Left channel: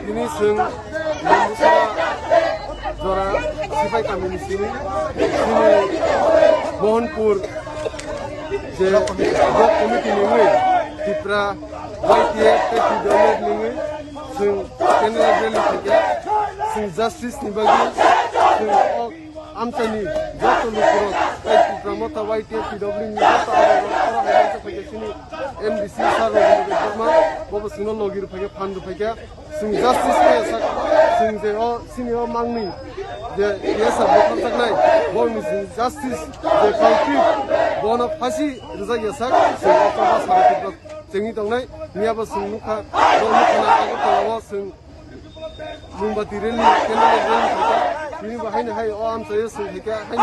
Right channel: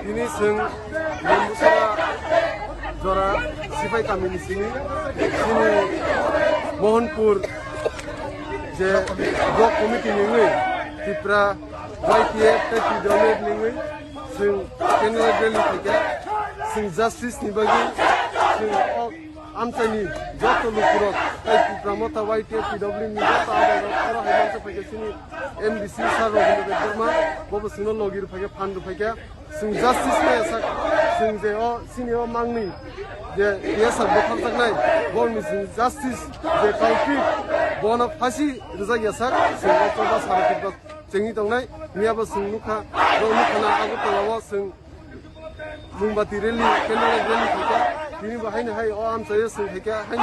Ini sing membuka Zora Sifai kami di sini Mohanpur je blok komiti nengai Tipra YTF teki dolar nengai sing kenal rally tiga sing justice ni bagi sing amtani joto lukurot kai Tipra mata YTF PW ni joto ada orang hebat sebagai sini MDC saro gunung berma bawa suno logir pakai pandu pakai sing justice me sak sing je sini mangni je biasa botol tak nai bon sing justice je culprit bona pasi rizak yasak sing otoba sara Tipra jengi dong nai niaba sing nuka na aku tolawa sing mumbati rally kendala rally pakai ini bahaya hai am saya sing pakai hai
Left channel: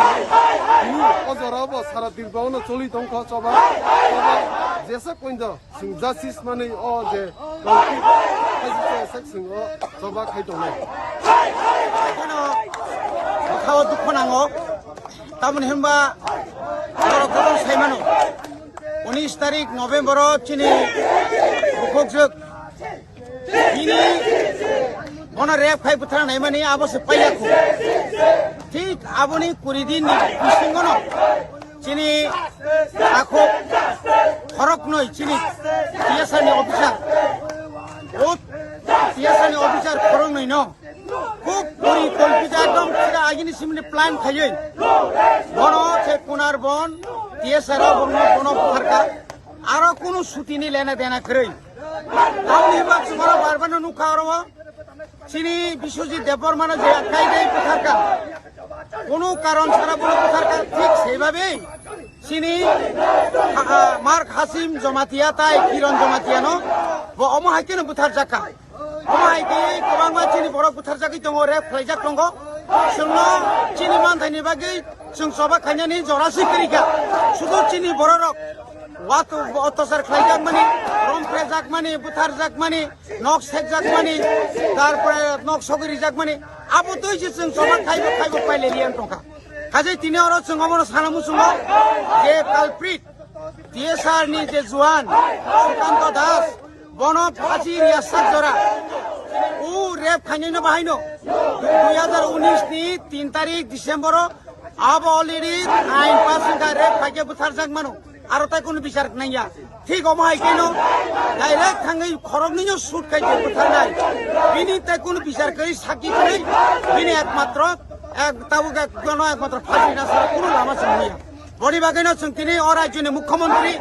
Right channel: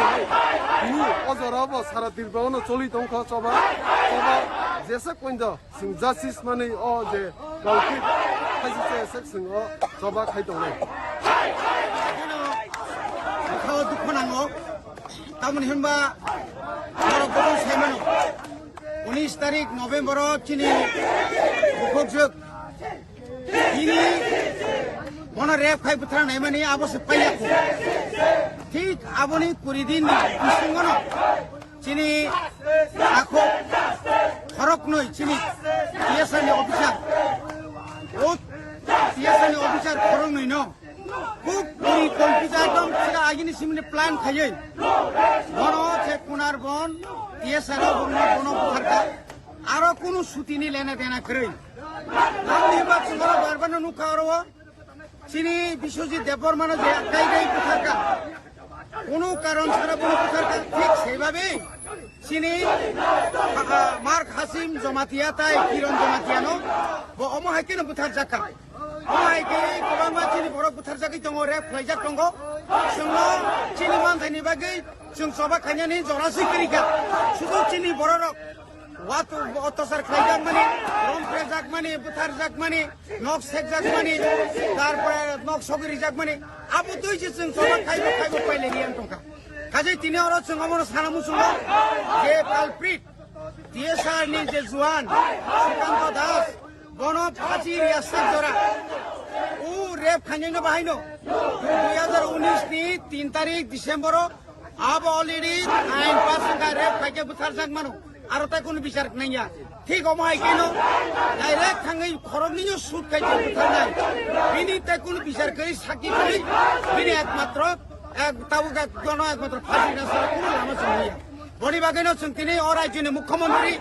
ini ojoraba sara Tipra ono choli tongkha coba jesa koinda sing justice mane je culprit pasi yasak sing coba khai dong nai খাওয়া দুঃখ নাঙো তেমন হেমবা নরক যখন সাইমানো 19 তারিখ November চিনি বুকজক ini bona rep khai buthara nai mani abose paiyakho ঠিক aboni kuridin bisingono chini akho khorok noi chini tiasani officer o tiasani officer khorok noi no খুব পরিকল্পিত একদম সেটা আগিনি সিমনে প্ল্যান খাইয়ে বন কোনার বন টিএসআর বন বুখারকা আরো কোনো ছুটি নি লেনা দেনা করে তাহলে হেবা তোমার বারবার নুখা আরো চিনি বিশ্বজিৎ দেববর্মানো যে আখ্যাই দেয় কোথারকা কোনো কারণ ছাড়া কোনো কোথারকা ঠিক সেইভাবেই চিনি মার্ক হাসিম জমাতিয়া তাই কিরণ জমাতিয়ানো অমহাইকেনো বুথার জাকা অমহাইকে गोबां চিনি বড় বুথার জাকি দङ রেপ খাইজাক दङ जोंनो চিনি मानथायनि बागै जों सबा खायनानै जरासै करिखा শুধু চিনি বড় রক ওয়াত অত্যাচার খাইজাক মানে রমপ্রে জাক মানে বুথার জাক মানে নক সেক জাক মানে তারপরে নক সগরি জাক মানে আবো তুই যে जों सबा খাইবো পাইলে লিয়ান টকা কাজে তিনি আরো जों অমন সানামু जों যে কালপ্রিট টিএসআর নি যে জওয়ান সুকান্ত দাস বন ফাঁসি রিয়াসাত জরা ও রেপ খাইनो बाहायनो 2019 नि 3 तारिख डिसेम्बर अब अलरेडी आइन पास का रेप खाइके बुथार जाक मानो आरो ताई कोनो बिचार नैया ठीक अमाय केनो डाइरेक्ट थांगै खरगनिनो सुट खाइके बुथार नाय बिनि ताई कोनो बिचार करै साखी करै बिनि एकमात्र ताबुगा गनो एकमात्र फाँसी ना सारा कोनो लामा जों नैया बडी बागैनो जों दिनै अराज्यनि मुख्यमन्त्री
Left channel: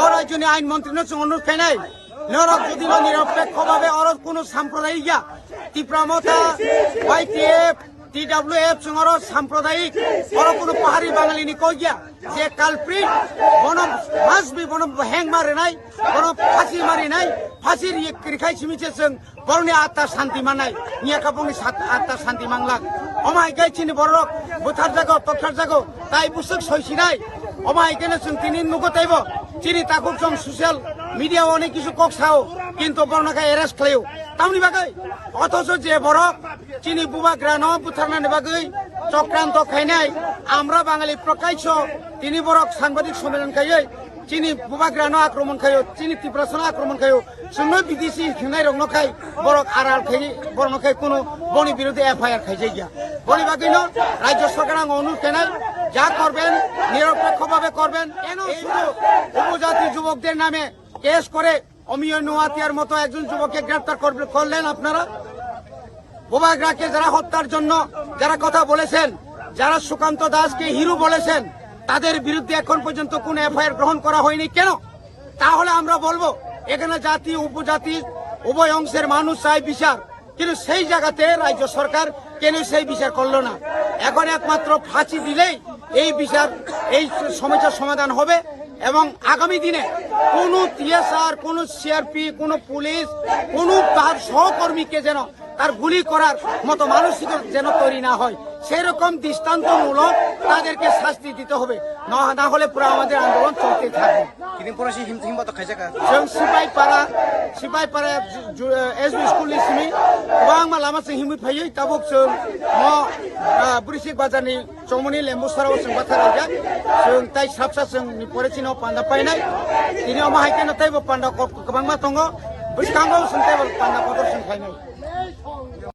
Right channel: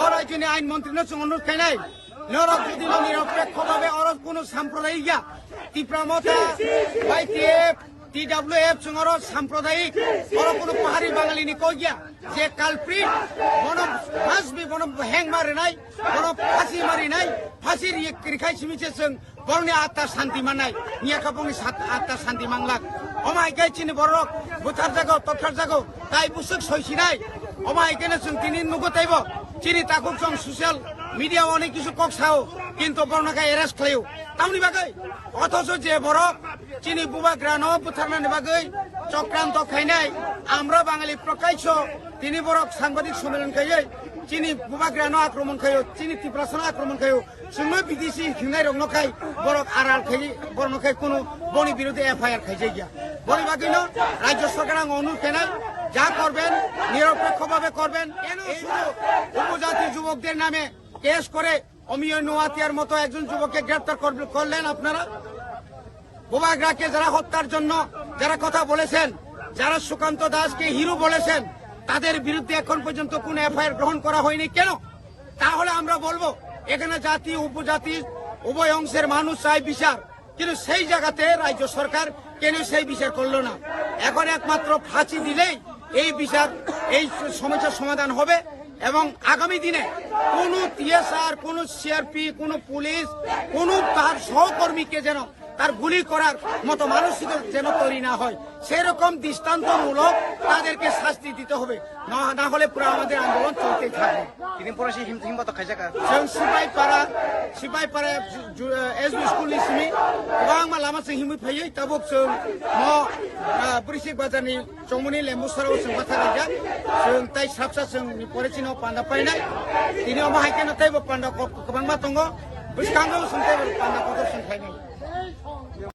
अराज्यनि आइन मन्त्रीनो जों अनुरोध खाइनाय नरक যদি নিরপেক্ষভাবে অর কোনো সাম্প্রদায়িক তীব্রমতা YPF TWF সঙ্গর সাম্প্রদায়িক অর কোনো পাহাড়ি বাঙালি নি কইয়া যে কালপ্রিট বন মাসবি বন হ্যাং মারে নাই বন ফাঁসি মারি নাই ফাঁসির রিখাই সিমিছে जों বরনি আত্মা শান্তি মানাই নিয়া কাপংনি আত্মা শান্তি মাংলাক অমাই গাইছিনি বড়ক বুথার জাগো তক্ষার জাগো তাই বুসুক সইছিনাই অমাই কেনে जों তিনি নুগতাইব চিনি তাকুক जों সোশ্যাল মিডিয়া অনেক কিছু কক্সাও কিন্তু বর্ণাকে এরেস্ট খাইও তামনি বাগৈ অথচ যে বরক চিনি বুবাগ্রানো বুথারনানি বাগৈ চক্রান্ত খাইনাই আমরা বাঙালি প্রকাশ্য তিনি বরক সাংবাদিক সম্মেলন খাইयै চিনি বুবাগ্রানো আক্রমণ খাইও চিনি তীব্রাসন আক্রমণ খাইও जोंनो বিদেশি হিংনাই রংনখাই বরক আড়াল খাই বর্ণখাই কোনো বনি বিরুদ্ধে এফআইআর খাইছে গিয়া বনি বাগৈনো রাজ্য সরকার অনুরোধ খাইনাই যা করবেন নিরপেক্ষভাবে করবেন কেন শুধু উপজাতি যুবকদের নামে কেস করে অমিয় নোয়াতিয়ার মতো একজন যুবককে গ্রেফতার করলেন আপনারা বুবাগ্রাকে যারা হত্যার জন্য যারা কথা বলেছেন যারা সুকান্ত দাসকে হিরো বলেছেন তাদের বিরুদ্ধে এখন পর্যন্ত কোনো এফআইআর গ্রহণ করা হয়নি কেন তাহলে আমরা বলবো এখানে জাতি উপজাতি উভয় অংশের মানুষ চাই বিচার কিন্তু সেই জায়গাতে রাজ্য সরকার কেন সেই বিচার করলো না এখন একমাত্র ফাঁসি দিলেই এই বিচার এই সমস্যার সমাধান হবে এবং আগামী দিনে কোনো টিএসআর কোনো সিআরপি কোনো পুলিশ কোনো তার সহকর্মীকে যেন তার গুলি করার মতো মানসিক যেন তৈরি না হয় সেরকম দৃষ্টান্তমূলক তাদেরকে শাস্তি দিতে হবে না হলে পুরো আমাদের আন্দোলন চলতে থাকবে Kini porasi himbat khaijaka. जों सिपाइपारा एसबी स्कुलनि सिमी गोबां लामा जों हिमै फैयो ताबुक जों बुरिसिक बाजारनि चौमनि लेम्बुसाराव जों बाथा रायजा जों ताइ साबसा जों फरायसिनो पान्दा पाइनाय दिनै अमाहायके नाथायबो पान्दा गोबां मा दङ बैसाङाव जों ताइबो पान्दा कदर जों फाइनाय